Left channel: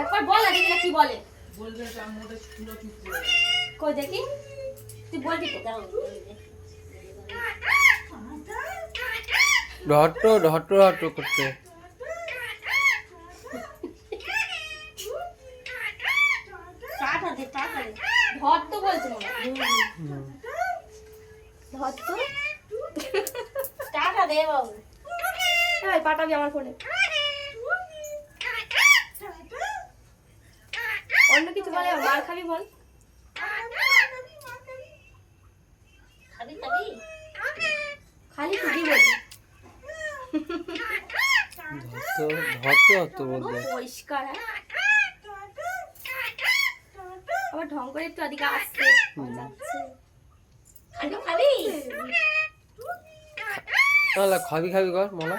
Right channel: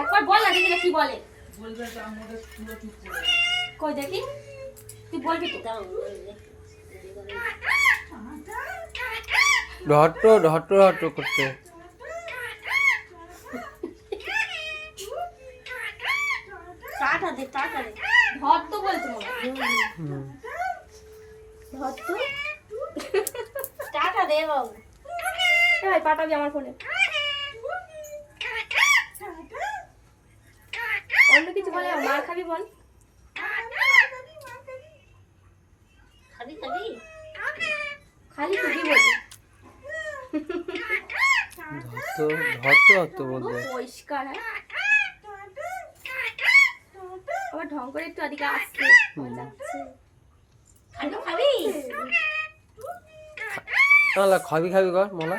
একবার বল না দেখি কি বলে। বলবে যে আমাদের স্কুলে চুপ করে কই দেখি তুই বলবি তো। ঢট্ট করতে ধর তো বলতো ধর তো টাটা দে বাবু। এই পাঠাবি আমার ফোনে। অন্য কিছু বলে মার খাবি বল। খালি খালি খালি তুই বলবি। ধত্ত বলতে পরিষ্কার। আবার ঢং করে একটু এদিকে আসছে যাচ্ছে। খাবি খাবি তাহলে খাবি কর মোলা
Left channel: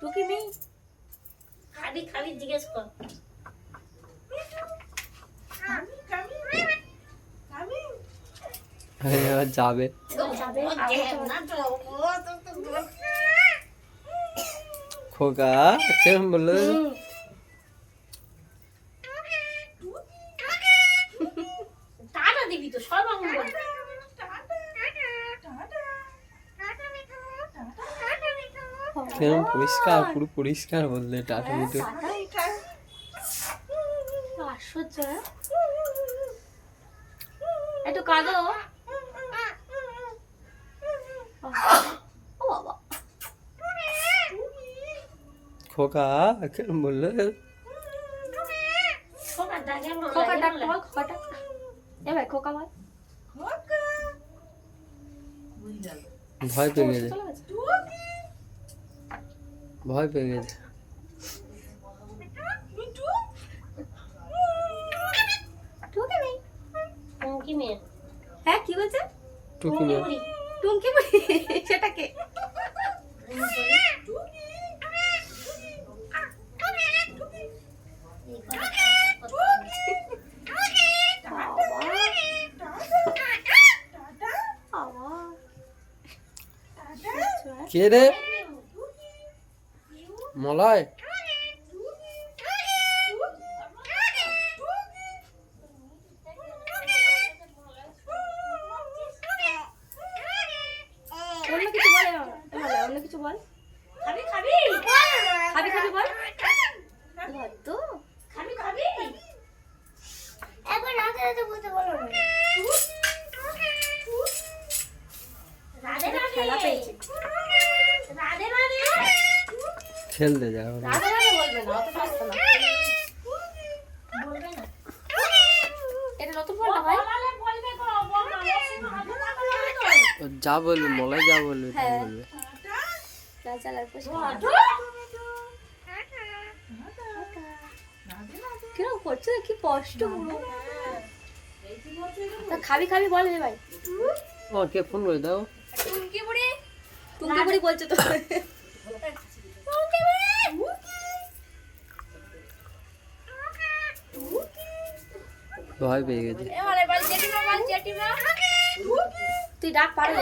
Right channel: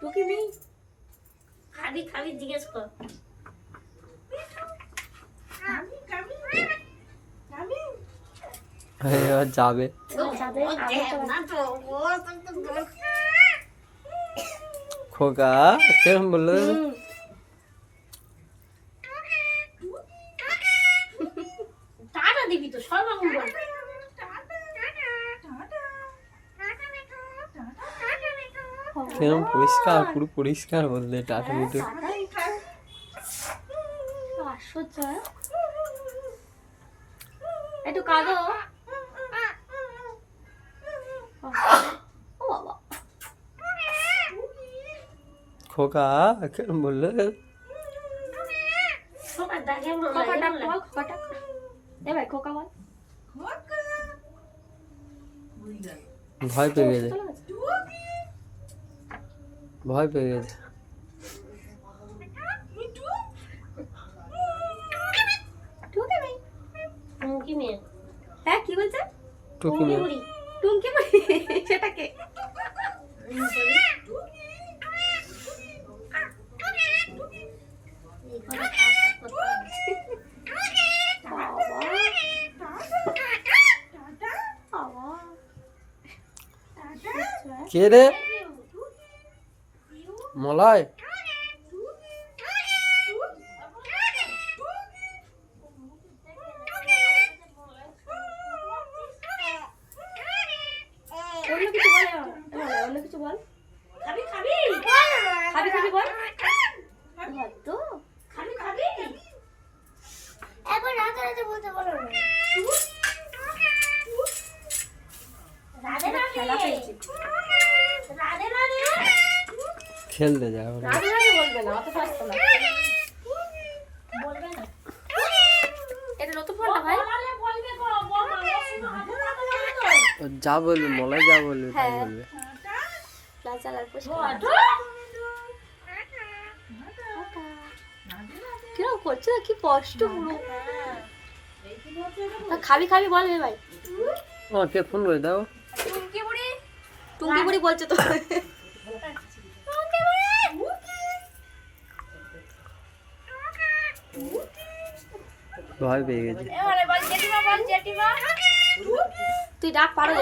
তোকে নেই খাবি খাবি জিজ্ঞেস কর। এবার যাবে খোকা কেমন বললো টাটা দিবি তো সব রকম বল। কেমন পরিষ্কার পুরো পরিষ্কার বললে টাটা মিটু আশ্চর্য। একটু কাঁদো। ও বাবা খোকা কেমন বললে খোকা ডাক বল খোকা। এ ভাই খোকা বল। ভয় পেয়ে গেছে হ্যাঁ কি বলছে টুকি মেয়ে টুঙ্কি বুড়ি সেটা কে? কে রে মলয় অন্য কিছু বলে অন্য কিছু বল। খাবি খাবি খাবি খাবি বল। ধর তো খাবি খাবি একবার না করে বলতে বলো রাধে রাধে খেলা পেয়েছে রাধে রাধে খেলতে যাও রাধে রাধে বলবে না অত ফাস্ট না বলবে না। এটা নতুন ফোনটা ভাই বলবে যা বলবে মলয় যা বলবে তাই বলবে লাল চালার কিরকম করছে কি কষ্ট পুরো। খাবি খাবি বল ভাই। কে ফোন করে দাও টুঙ্কি বুড়ি বলছে তো। ভয় পেয়ে গেছে তুই ডাক পারো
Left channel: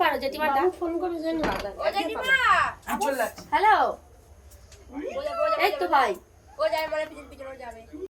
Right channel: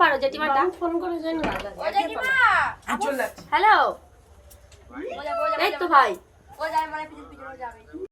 পারো জেঠিমা ডাক ফোন করে জন্য হ্যালো এই তো ভাই ও যায় মানে পিছন পিছন যাবে।